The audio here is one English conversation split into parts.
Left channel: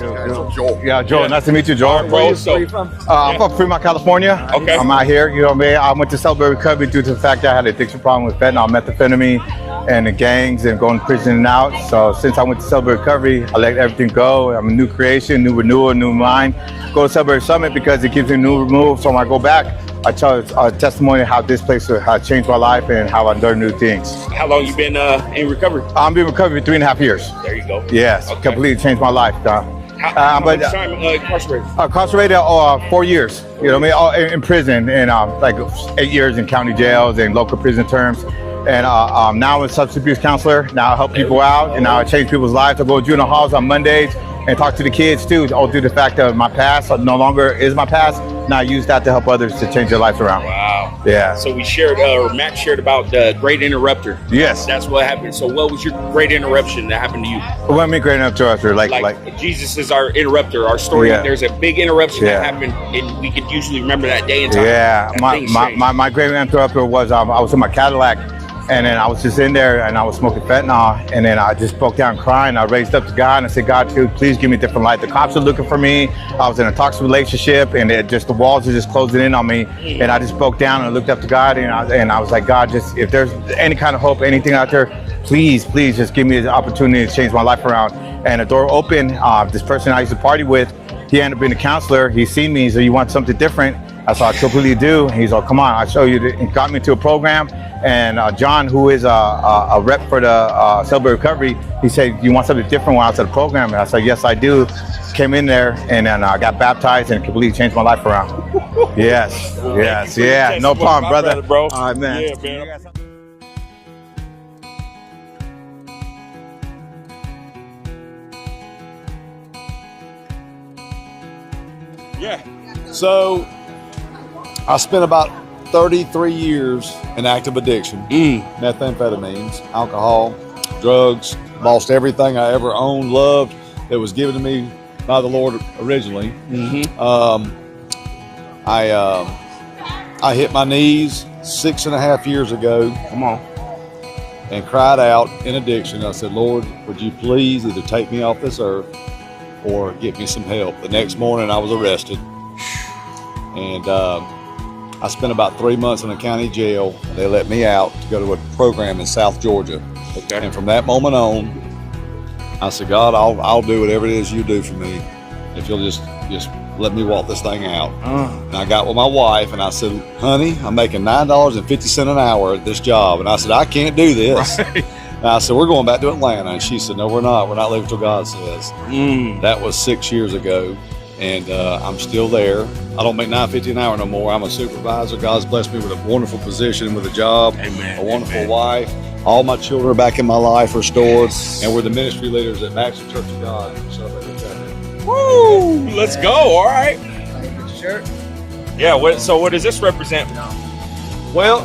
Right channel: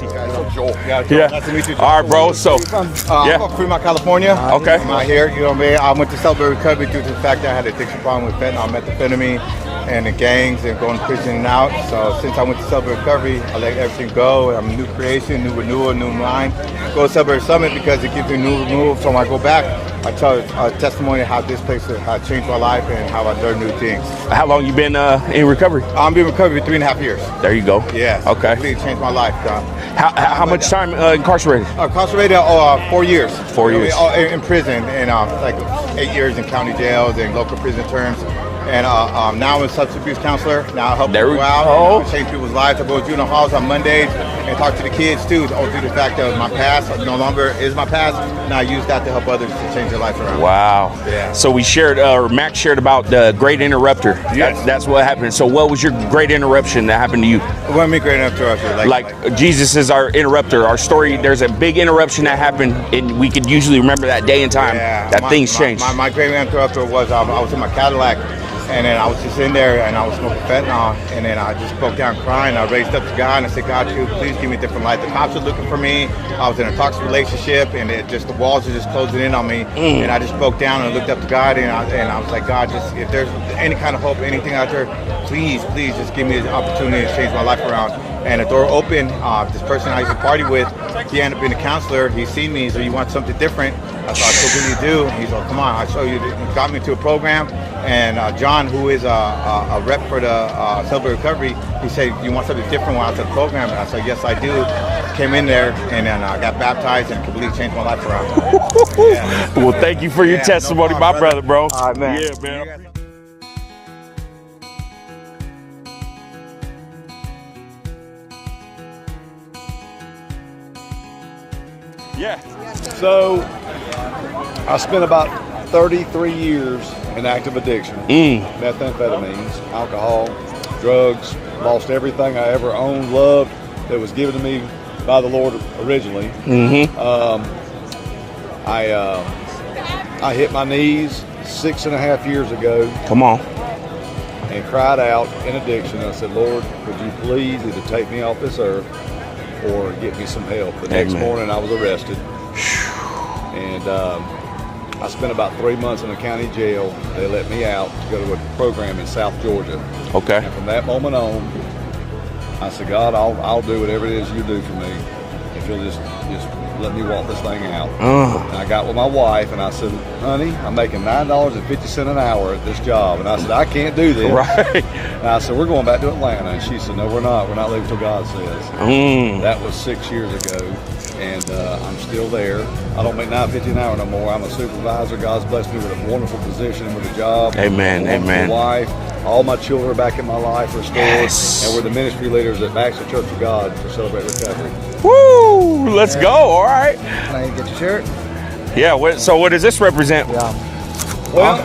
guys. Joel. Yeah, Joel. Yeah. Nice to meet you, Joel. All right, bro. So, I'm from Fremont, California. Okay. I'm out here. You know what I mean? I went to Celebrate Recovery due to the fact that I had an addiction problem with fentanyl, methamphetamine, and the gangs and going to prison and out. So since I went to Celebrate Recovery, I let everything go. I'm a new creation, new renewal, new mind. Go to Celebrate Summit because it gives me a new move. So when I go back, I tell a testimony of how this place has changed my life and how I learned new things. how long you been in recovery? I'm been in recovery for 3.5 years. There you go. Yes, Okay. completely changed my life. How much time incarcerated? Incarcerated 4 years. 4 years. You know what I mean? In prison, and like 8 years in county jails and local prison terms. And now I'm a substance abuse counselor. Now I help There people we out, go. and now I change people's lives. I go to juvenile halls on Mondays and talk to the kids too, all through the fact that my past no longer is my past. Now I use that to help others to change their life around. Wow. Yeah. So we shared, or Matt shared about the Great Interrupter. Yes. That's what happened. So what was your great interruption that happened to you? What I mean, great interrupter, Like Jesus is our interrupter, our story. Yeah. There's a big interruption that Yeah. happened, and we could usually remember that day and time. Yeah, That things changed. my great interrupter was I was in my Cadillac, and then I was just in there and I was smoking fentanyl, and then I just broke down crying. I raised up to God and I said, God, please give me a different life. The cops are looking for me. I was in a toxic relationship, and the walls are just closing in on me. And I just broke down and I looked up to God, and I was like, God, just if there's any kind of hope, anything out there, please just give me the opportunity to change my life around. And the door opened. This person I used to party with, he ended up being a counselor. He seen me, so you want something different? I said, I completely do. He's like, come on, I'll show you. He got me to a program. And John, who is a rep for the Celebrate Recovery, he said, you want something different when I was at the program? And I said, yes, I do. Came in there, and then I got baptized and completely changed my life around. Yeah. Well, thank you for your testimony, no problem, my brother, bro. All right, man. Yeah, man. Yeah. So, I spent about 33 years in active addiction. Methamphetamines, alcohol, drugs, lost everything I ever owned, loved, that was given to me by the Lord originally. I hit my knees 6.5 years ago Come on. and cried out in addiction. I said, Lord, would you please either take me off this earth or get me some help? The next Amen. morning I was arrested. And I spent about 3 months in a county jail. They let me out to go to a program in South Georgia. Okay. And from that moment on, I said, God, I'll do whatever it is you do for me. If you'll just let me walk this thing out. And I got with my wife and I said, honey, I'm making $9.50 an hour at this job. And I said, I can't do this. Right. And I said, we're going back to Atlanta. And she said, no, we're not. We're not leaving till God says. That was 6 years ago. And I'm still there. I don't make $9.50 an hour no more. I'm a supervisor. God's blessed me with a wonderful position, with a job. Amen, Wonderful amen. wife. All my children are back in my life, restored. Yes. And we're the ministry leaders at Baxter Church of God to Celebrate Recovery. Woo! Let's go. All right. Can I get your shirt? Yeah. So what does this represent? Well,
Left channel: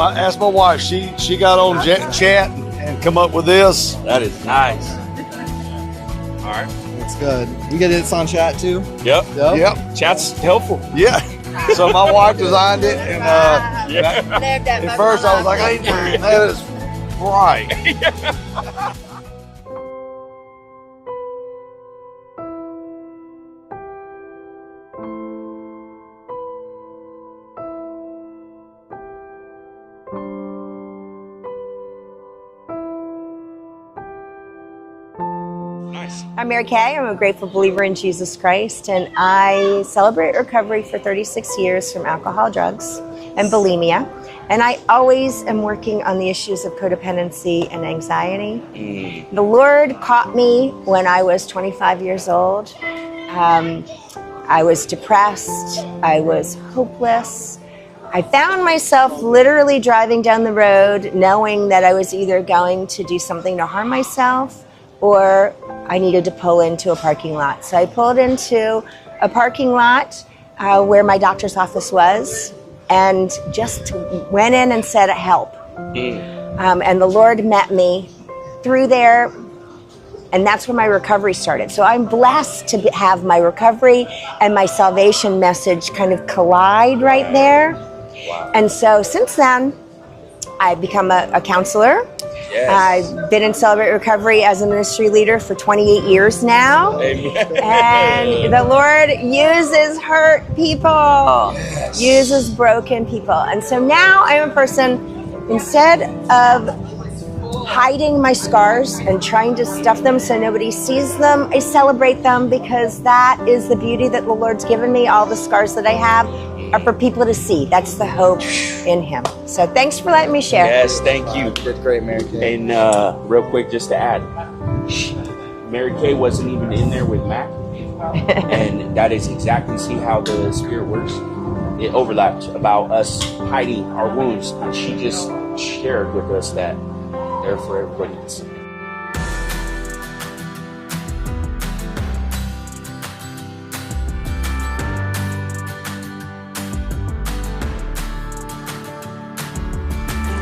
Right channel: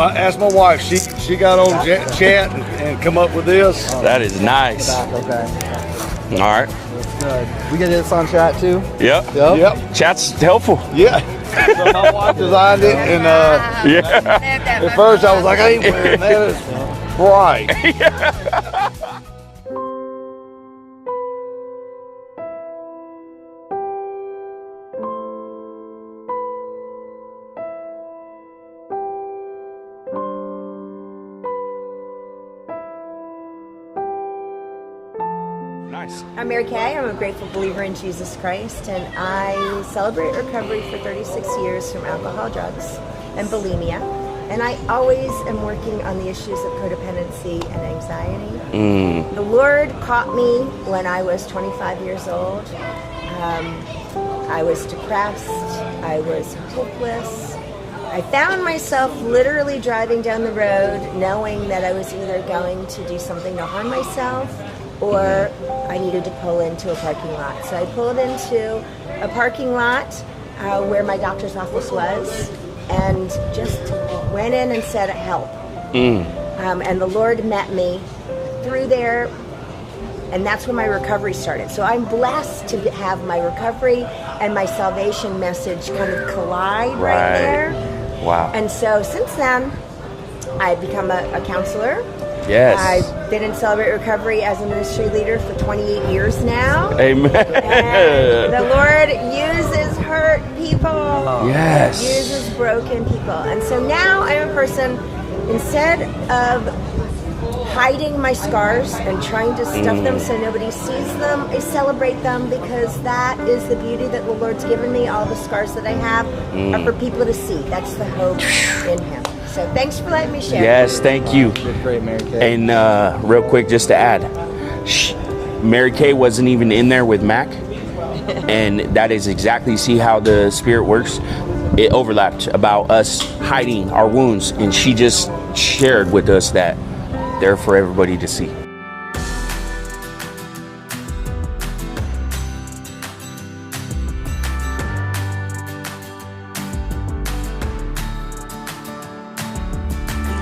I asked my wife. She got on chat and come up with this. That is nice. Okay. All right. That's good. We get this on chat too? Yep. Yep. Chat's helpful. Yeah. So my wife designed it, and Yeah. at first I was like, I ain't wearing that. It's bright. Nice. I'm Mary Kay. I'm a grateful believer in Jesus Christ, and I celebrate recovery for 36 years from alcohol, drugs, and bulimia. And I always am working on the issues of codependency and anxiety. The Lord caught me when I was 25 years old. I was depressed. I was hopeless. I found myself literally driving down the road knowing that I was either going to do something to harm myself or I needed to pull into a parking lot. So I pulled into a parking lot where my doctor's office was and just went in and said, help. And the Lord met me through there, and that's when my recovery started. So I'm blessed to have my recovery and my salvation message kind of collide right there. Wow. And so since then, I've become a counselor. Yes. I've been in Celebrate Recovery as a ministry leader for 28 years now. Amen. And the Lord uses hurt people. Yes. Uses broken people. And so now I'm a person, instead of hiding my scars and trying to stuff them so nobody sees them, I celebrate them because that is the beauty that the Lord's given me. All the scars that I have are for people to see. That's the hope in Him. So thanks for letting me share. Yes, thank you. Did great, Mary Kay. And real quick, just to add, Mary Kay wasn't even in there with Mac. And that is exactly, see how the Spirit works? It overlapped about us hiding our wounds. And she just shared with us that they're for everybody to see.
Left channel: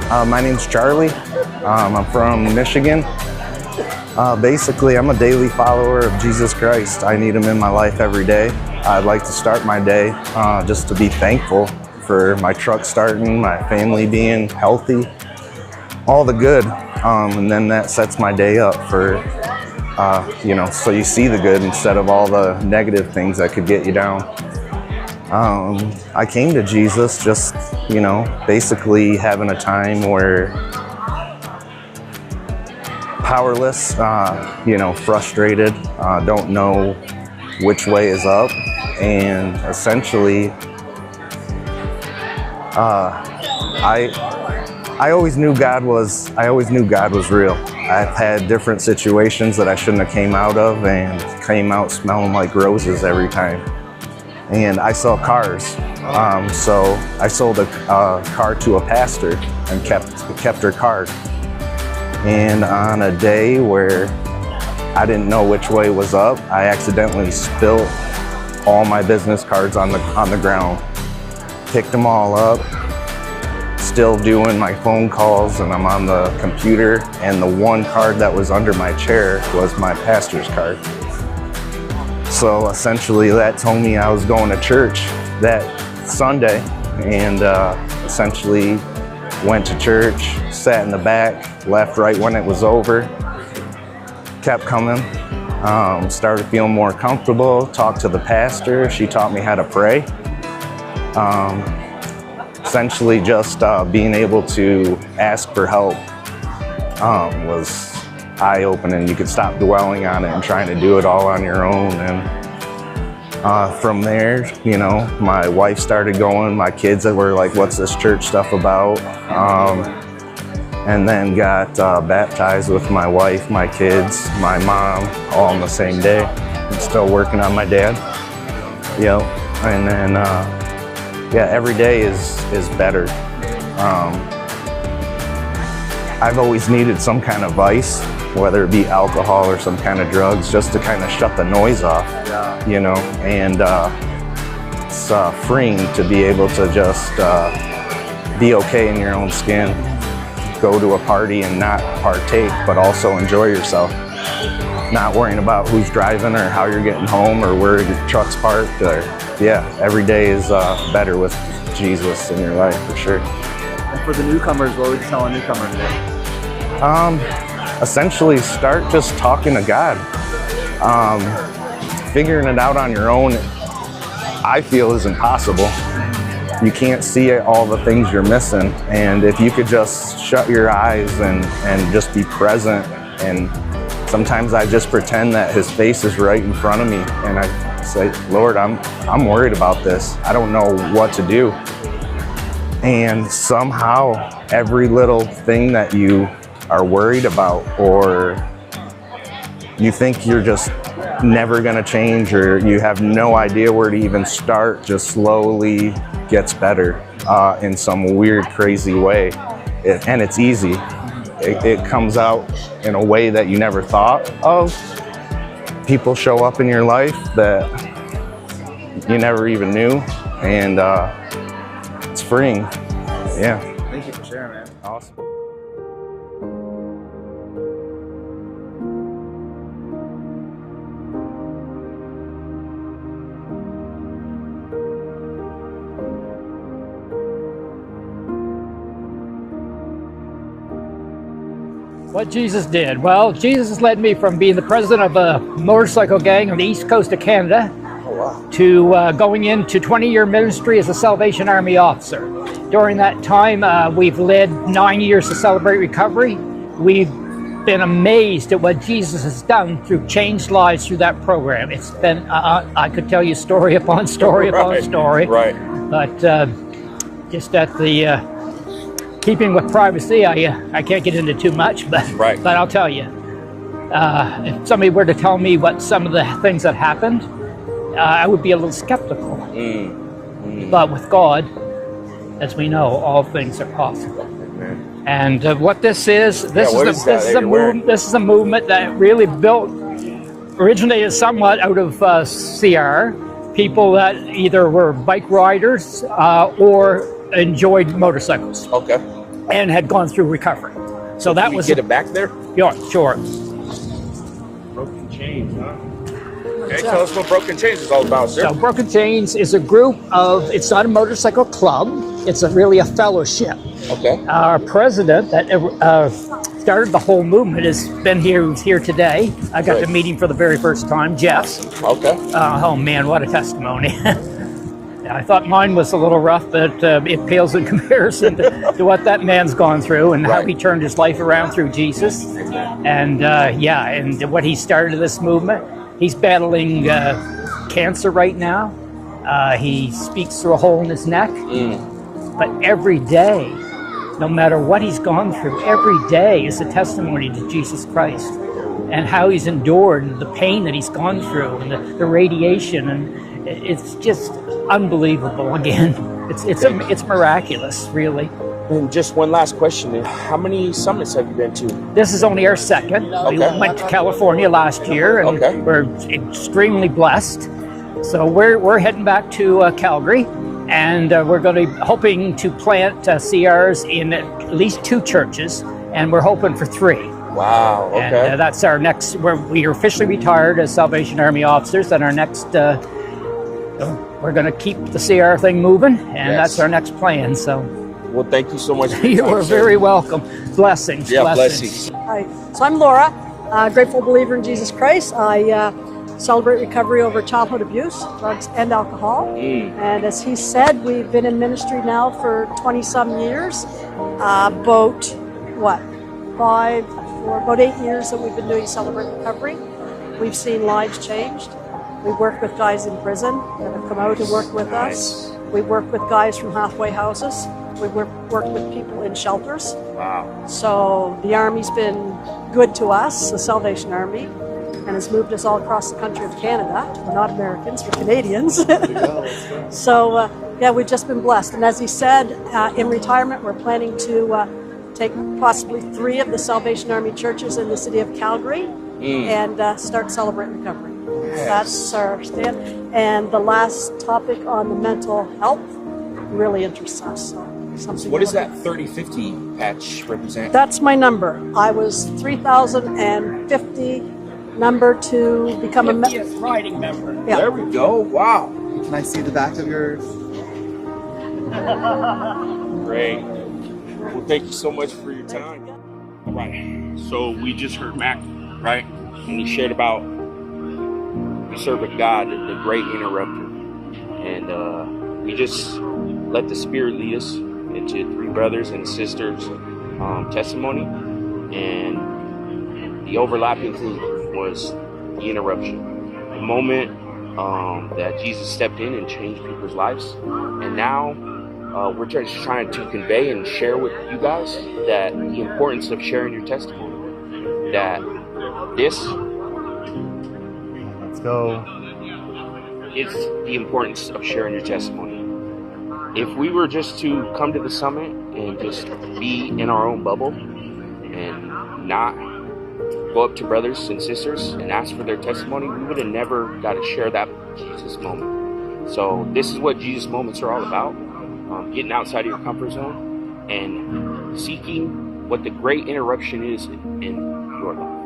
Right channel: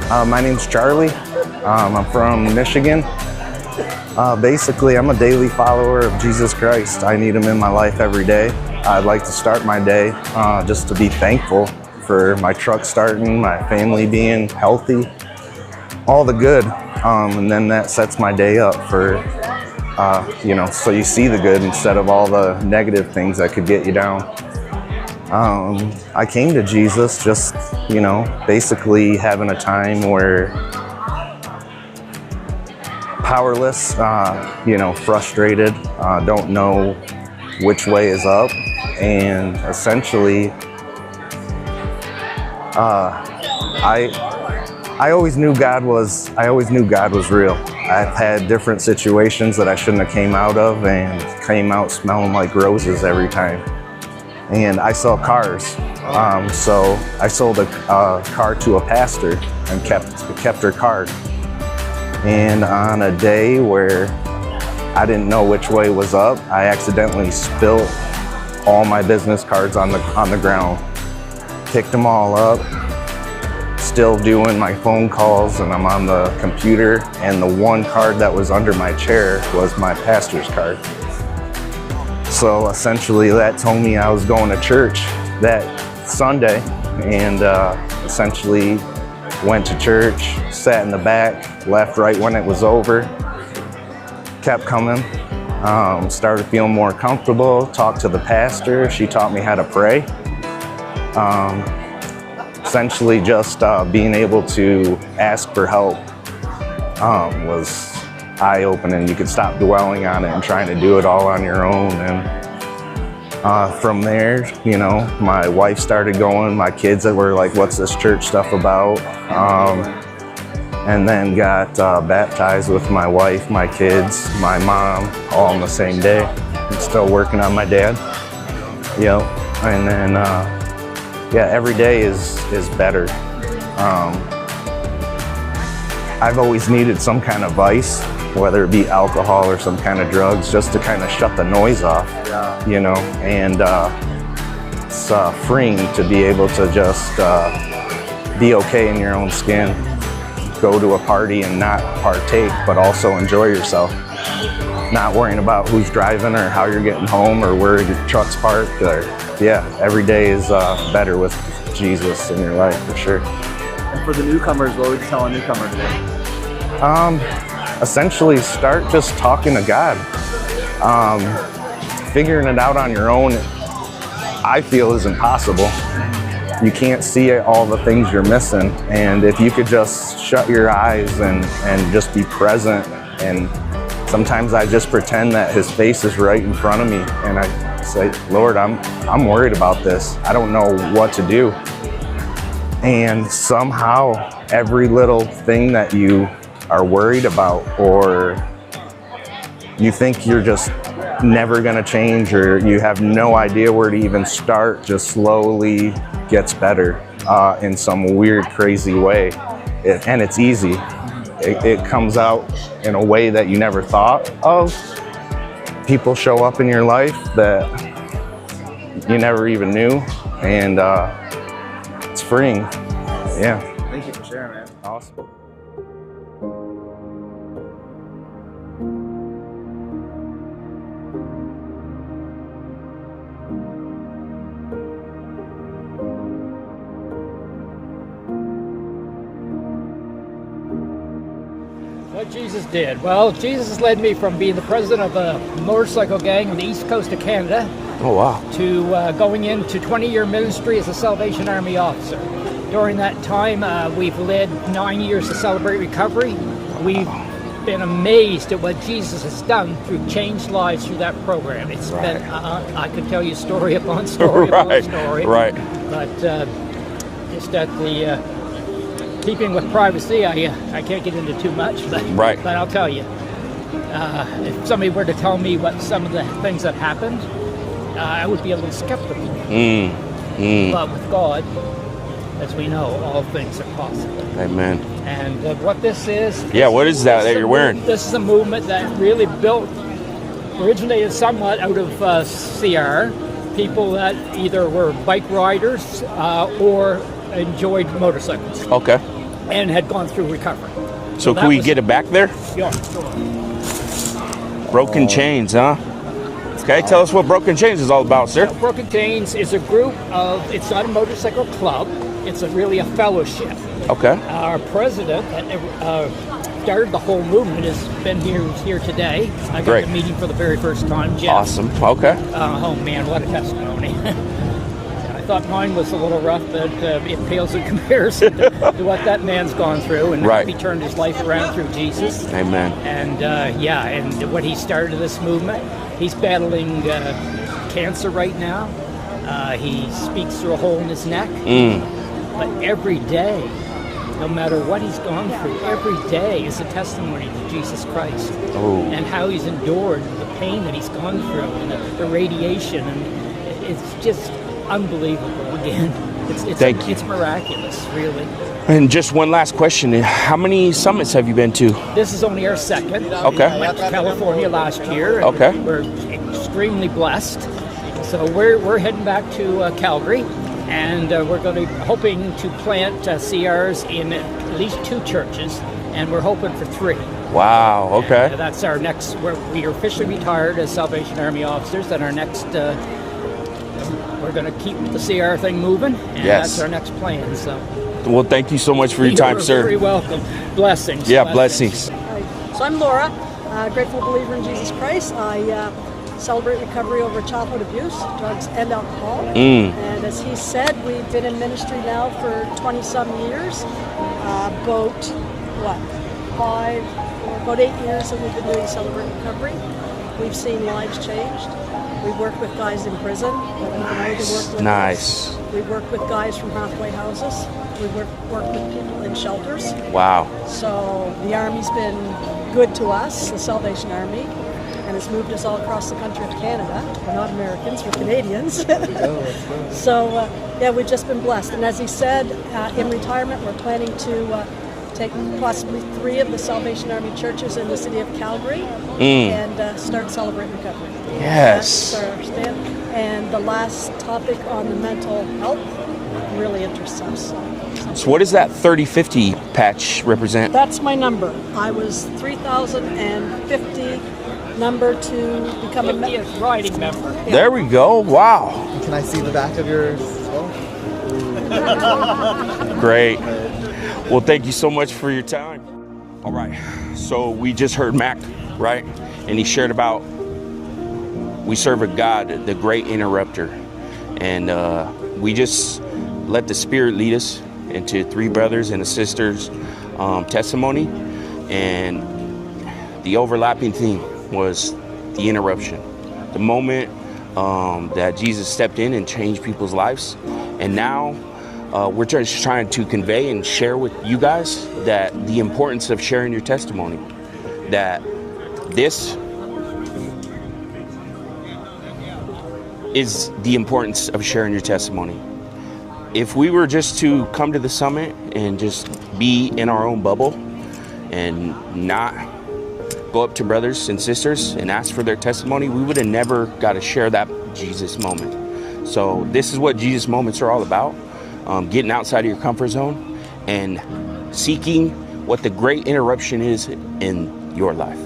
My name's Charlie. I'm from Michigan. Basically, I'm a daily follower of Jesus Christ. I need Him in my life every day. I'd like to start my day just to be thankful for my truck starting, my family being healthy, all the good. And then that sets my day up for, so you see the good instead of all the negative things that could get you down. I came to Jesus just, basically having a time where powerless, frustrated, don't know which way is up, and essentially, I always knew God was real. I've had different situations that I shouldn't have came out of and came out smelling like roses every time. And I sell cars. So I sold a car to a pastor and kept her card. And on a day where I didn't know which way was up, I accidentally spilled all my business cards on the ground. Picked them all up. Still doing my phone calls, and I'm on the computer, and the one card that was under my chair was my pastor's card. So essentially that told me I was going to church that Sunday, and essentially went to church, sat in the back, left right when it was over, kept coming, started feeling more comfortable, talked to the pastor. She taught me how to pray. Essentially just being able to ask for help was eye-opening. You could stop dwelling on it and trying to do it all on your own. And from there, my wife started going, my kids that were like, what's this church stuff about? And then got baptized with my wife, my kids, my mom, all on the same day. I'm still working on my dad. Yep. And then every day is better. I've always needed some kind of vice, whether it be alcohol or some kind of drugs, just to kind of shut the noise off, and it's freeing to be able to just be okay in your own skin, go to a party and not partake, but also enjoy yourself. Not worrying about who's driving or how you're getting home or where your truck's parked. Every day is better with Jesus in your life, for sure. And for the newcomers, what would you tell a newcomer today? Essentially start just talking to God. Figuring it out on your own, I feel, is impossible. You can't see all the things you're missing. And if you could just shut your eyes and just be present, and sometimes I just pretend that His face is right in front of me, and I say, Lord, I'm worried about this. I don't know what to do. And somehow every little thing that you are worried about, or you think you're just never gonna change, or you have no idea where to even start, just slowly gets better in some weird, crazy way. And it's easy. It comes out in a way that you never thought of. People show up in your life that you never even knew, and it's freeing. Yeah. Thank you for sharing, man. Awesome. What Jesus did? Well, Jesus led me from being the president of a motorcycle gang on the east coast of Canada Oh, wow. to going into 20-year ministry as a Salvation Army officer. During that time, we've led 9 years to Celebrate Recovery. We've been amazed at what Jesus has done through changed lives through that program. It's been, I could tell you story upon story upon story. Right. But just at the keeping with privacy, I can't get into too much, but Right. but I'll tell you, if somebody were to tell me what some of the things that happened, I would be a little skeptical. But with God, as we know, all things are possible. Amen. And what this is, what is that you're wearing? This is a movement that really originated somewhat out of CR, people that either were bike riders or enjoyed motorcycles Okay. and had gone through recovery. So that can we was get it back there? Yeah, sure. Broken Chains, huh? Okay, tell us what Broken Chains is all about, sir. So Broken Chains is a group of, it's not a motorcycle club, it's really a fellowship. Okay. Our president that started the whole movement has been here today. I got Great. to meet him for the very first time, Jeff. Awesome. Okay. Oh man, what a testimony. I thought mine was a little rough, but it pales in comparison to what that man's gone through and how Right. he turned his life around through Jesus. Amen. And and what he started in this movement, he's battling cancer right now. He speaks through a hole in his neck. But every day, no matter what he's gone through, every day is a testimony to Jesus Christ and how he's endured the pain that he's gone through and the radiation. And it's just unbelievable. Again, it's miraculous, really. And just one last question. How many summits have you been to? This is only our second. Okay. We went to California last year, and Okay. we're extremely blessed. So we're heading back to Calgary, and we're going to be hoping to plant CRs in at least 2 churches, and we're hoping for 3. Wow, okay. And, that's our next. We are officially retired as Salvation Army officers, and our next. We're going to keep the CR thing moving, and Yes. that's our next plan. So Well, thank you so much for your time, you're sir. very welcome. Blessings. Yeah, blessings. Hi, so I'm Laura, grateful believer in Jesus Christ. I celebrate recovery over childhood abuse, drugs, and alcohol. And as he said, we've been in ministry now for 20-some years. About 8 years that we've been doing Celebrate Recovery. We've seen lives changed. We work with guys in prison that have come out and worked with Nice. us. We work with guys from halfway houses. We work with people in shelters. Wow. So the Army's been good to us, the Salvation Army, and has moved us all across the country of Canada. We're not Americans, we're Canadians. So we've just been blessed. And as he said, in retirement, we're planning to take possibly 3 of the Salvation Army churches in the city of Calgary and start Celebrate Recovery. Yes. That's our stand. And the last topic on the mental health really interests us. So what does that 3050 patch represent? That's my number. I was 3,050 number to become a riding member. Yeah. There we go. Wow. Can I see the back of yours? Great. Well, thank you so much for your time. All right. So we just heard Mac, right? And he shared about we serve a God, the great interrupter. And we just let the Spirit lead us into 3 brothers and a sister's testimony. And the overlapping theme was the interruption. The moment that Jesus stepped in and changed people's lives. And now we're just trying to convey and share with you guys that the importance of sharing your testimony. That this is the importance of sharing your testimony. If we were just to come to the summit and just be in our own bubble and not go up to brothers and sisters and ask for their testimony, we would have never got to share that Jesus moment. So this is what Jesus moments are all about. Getting outside of your comfort zone and seeking what the great interruption is in your life.